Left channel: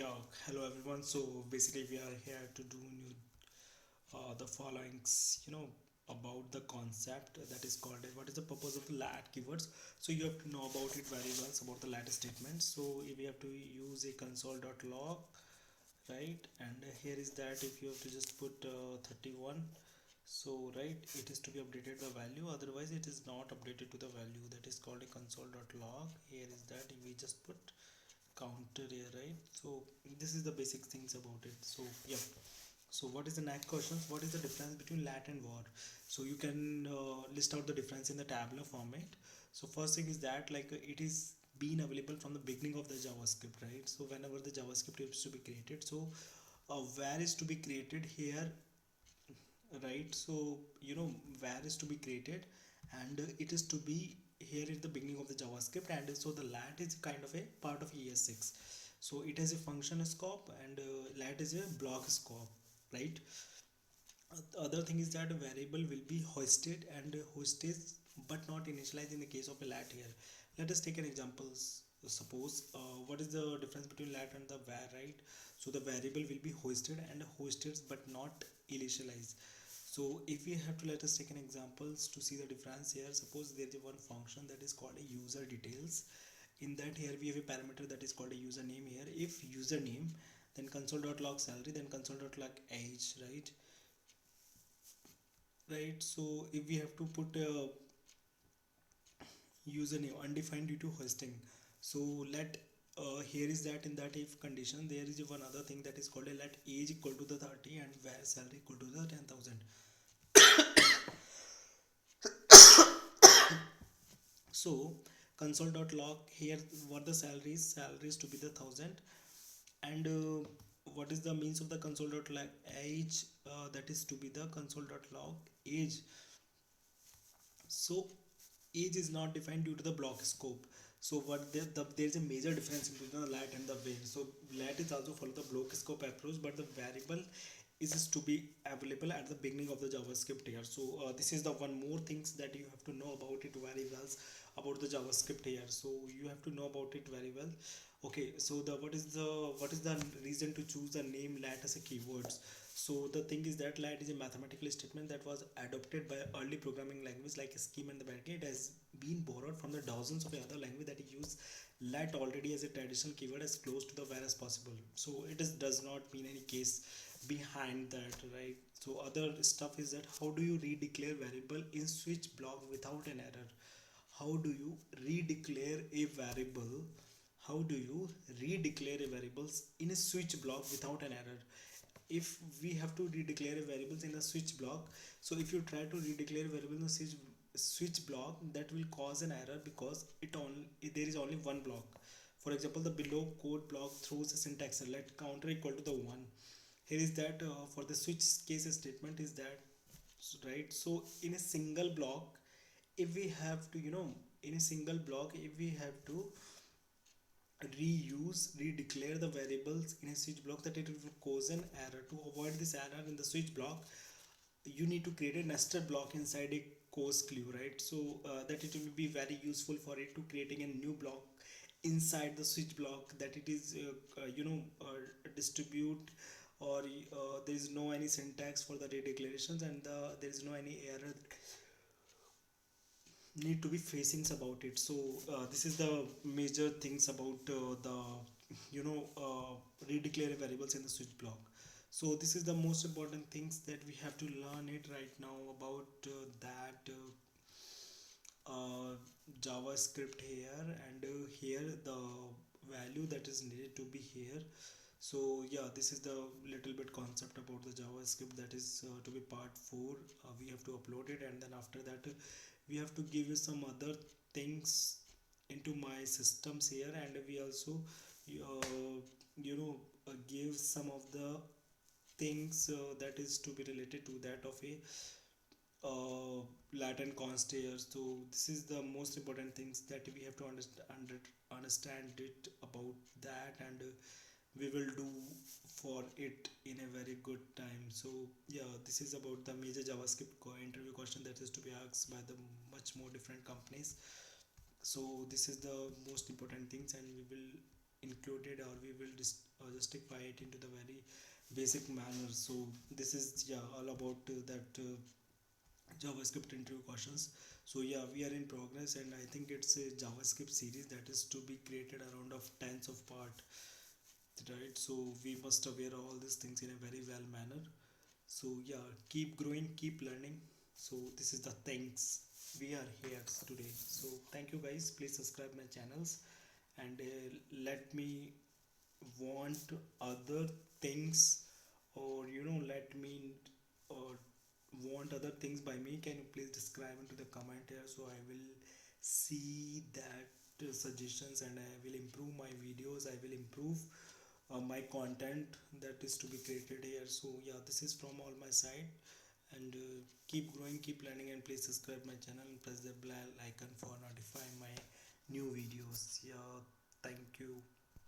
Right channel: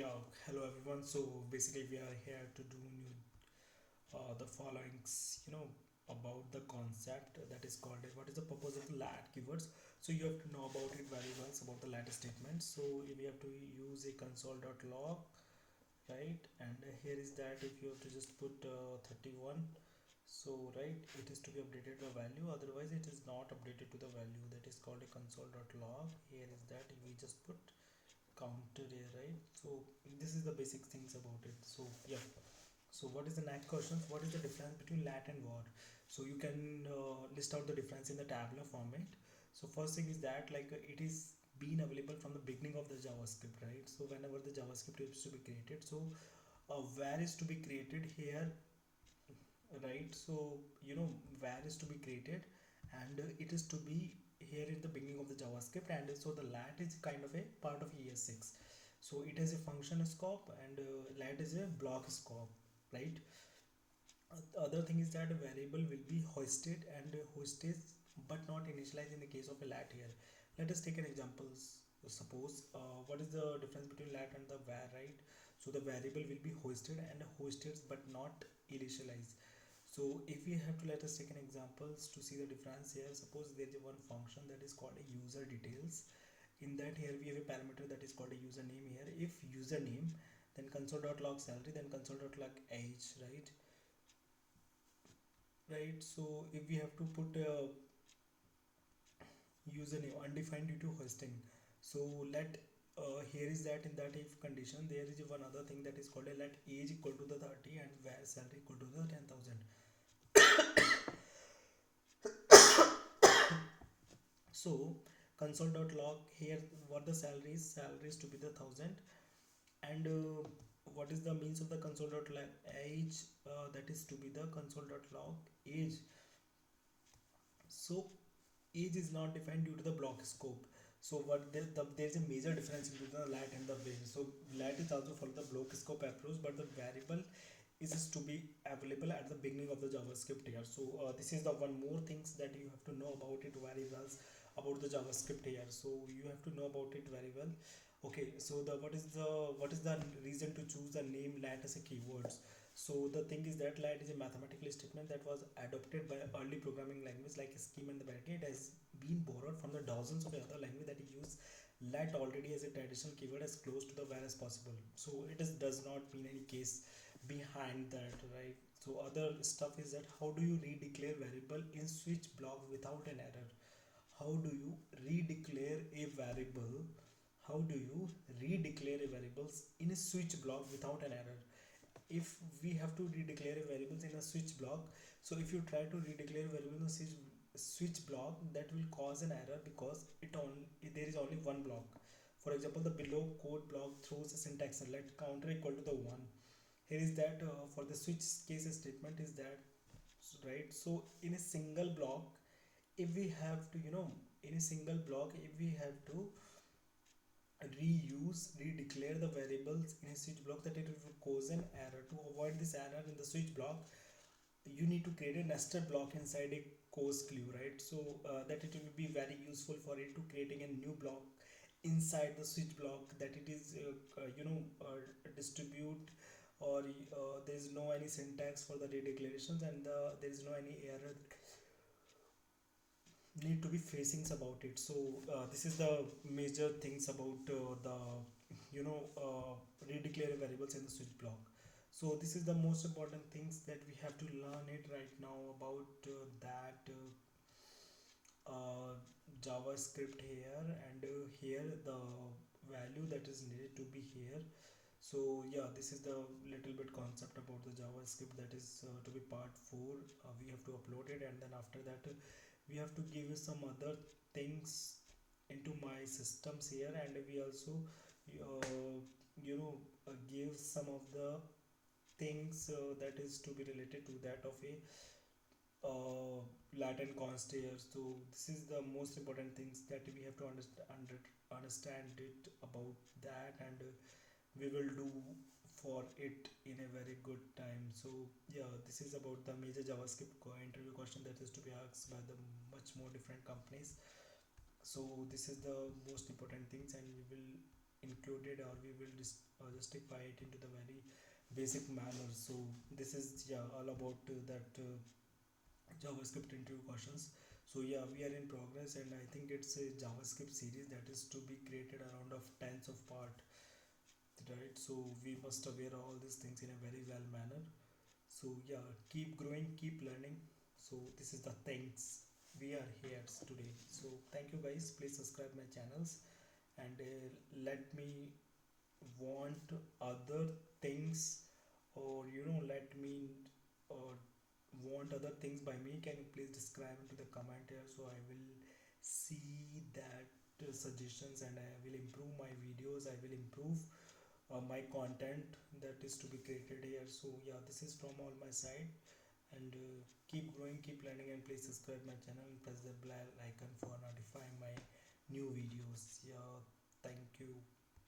Yeah, hello everyone. So basically, we are here to do new, the followings, about the concept that is called what is the purpose of lat keywords. So you have to know about it very well about the lat statement. So we have to use a console.log, right? And here is that if you have to just put 31. So right, it is to be updated the value. Otherwise, it is not updated to the value. That is called a console.log. Here is that we just put counter here, right? So this is the basic things about it. So yeah, so what is the next question? What is the difference between lat and var? So you can list out the difference in the tabular format. So first thing is that it is been available from the beginning of the javascript, right? So whenever the javascript is to be created, so var is to be created here, right? So var is to be created, and it is to be here at the beginning of the javascript, and so the lat is kind of a part of es6. So it has a function scope, and lat is a block scope, right? Other thing is that a variable will be hoisted and hosted but not initialized in the case of a lat here. Let us take an example. Suppose what is the difference between lat and the var, right? So the variable will be hoisted and hosted but not initialized. So if we have to, let us take an examples to see the difference here. Suppose there is one function that is called a user details. In that, here we have a parameter that is called a username here. If username, then console.log salary, then console.log age, right? So if we have to put a username undefined due to hosting, so let here is that in that if condition there is one other thing that is called a let age equal to the 30 and where salary equal to the 10,000. So console.log here, what the salary is to be the 1,000, and what is the means of the console.log age, that is to be the console.log age. So age is not defined due to the block scope. So there is a major difference between the lat and the var. So lat is also follow the block scope approach, but the variable is to be available at the beginning of the javascript here. So this is the one more things that you have to know about it very well, about the javascript here. So you have to know about it very well. Okay, so the what is the reason to choose the name lat as a keywords? So the thing is that lat is a mathematical statement that was adopted by early programming language like scheme and the backend. It has been borrowed from the dozens of other language that use lat already as a traditional keyword as close to the var as possible. So it does not mean any case behind that, right? So other stuff is that how do you redeclare variable in switch block without an error? How do you redeclare a variable? How do you redeclare a variables in a switch block without an error? If we have to redeclare a variables in a switch block, so if you try to redeclare a variable in a switch block, that will cause an error because there is only one block. For example, the below code block throws a syntax let counter equal to the 1. Here is that for the switch case statement is that, right? So in a single block, if we have to in a single block, if we have to redeclare the variables in a switch block, that it will cause an error. To avoid this error in the switch block, you need to create a nested block inside a course clue, right? So that it will be very useful for it to creating a new block inside the switch block, that it is distribute, or there is no any syntax for the redeclarations, and there is no any error need to be facing about it. So this is the major things about the redeclare variables in the switch block. So this is the most important things that we have to learn it right now about that javascript here, and here the value that is needed to be here. So yeah, this is the little bit concept about the javascript that is to be part 4. We have to upload it, and then after that we have to give you some other things into my systems here, and we also give some of the things that is to be related to that of a Latin const here. So this is the most important things that we have to understand it about that, and we will do for it in a very good time. So yeah, this is about the major javascript interview question that is to be asked by the much more different companies. So this is the most important things, and we will include computed, or we will justify it into the very basic manner. So this is, yeah, all about that JavaScript interview questions. So yeah, we are in progress, and I think it's a JavaScript series that is to be created around of tens of part, right? So we must aware all these things in a very well manner. So yeah, keep growing, keep learning. So this is the thanks we are here today. So thank you guys, please subscribe my channels, and let me want other things, or let me uh, want other things by me. Can you please describe into the comment here, so I will see that suggestions, and I will improve my videos, I will improve my content that is to be created here. So yeah, this is from all my side, and keep growing, keep learning, and please subscribe my channel and press the bell icon for notifying my new videos. Yeah, thank you.